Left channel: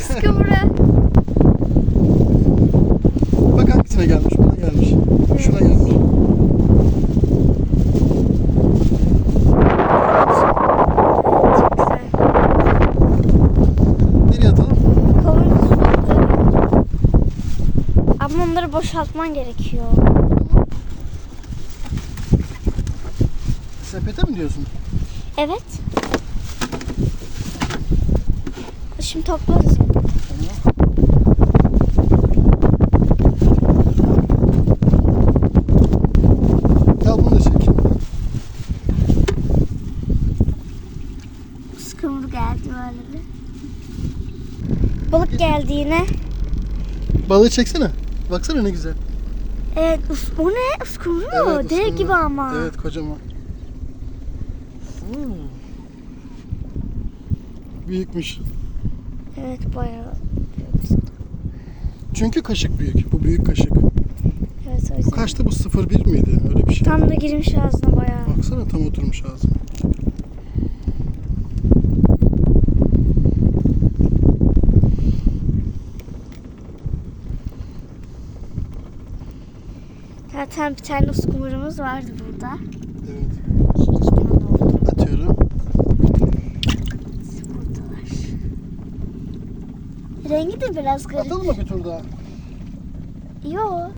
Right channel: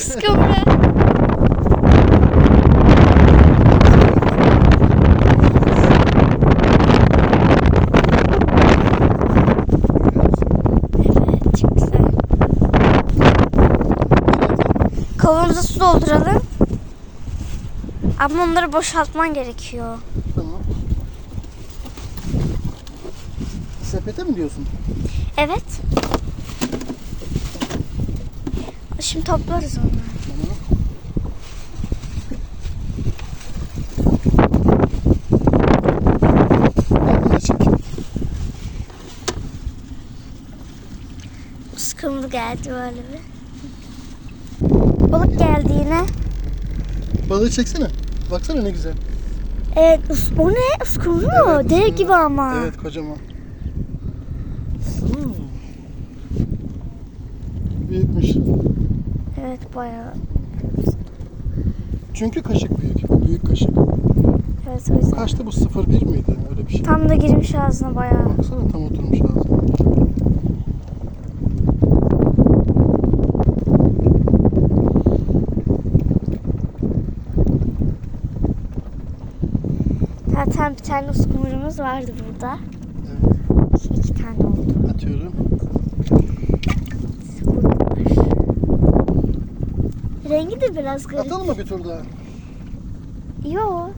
Çok? Kavanoza su dolduralım. Ama onları boşaltman gerekiyor. Tamam. Sepete mi diyorsun? Evet. Şimdi toplarız onu. Uskumru geldi böyle bir. Balık geldi yine. Balığı çeksene. Baksana ne güzel. Evet, us- o ne? Uskumru mu? Evet, Dev gibi ama. Evet kocaman. Hmm. Büyükmüş. Evet, bayağı. Çünkü kaşık büyük. Bu büyük kaşık. Evet, o yüzden. Kaçtı bu 0.1 miydi? Öyle bir şey. Tam da girmiş ağzına bayağı. Baksana tam oturmuş ağzına. Zaten bir tane uskumrumuz vardı burada. Rengi de biraz garip. Atalım mı bir tur daha? Yo.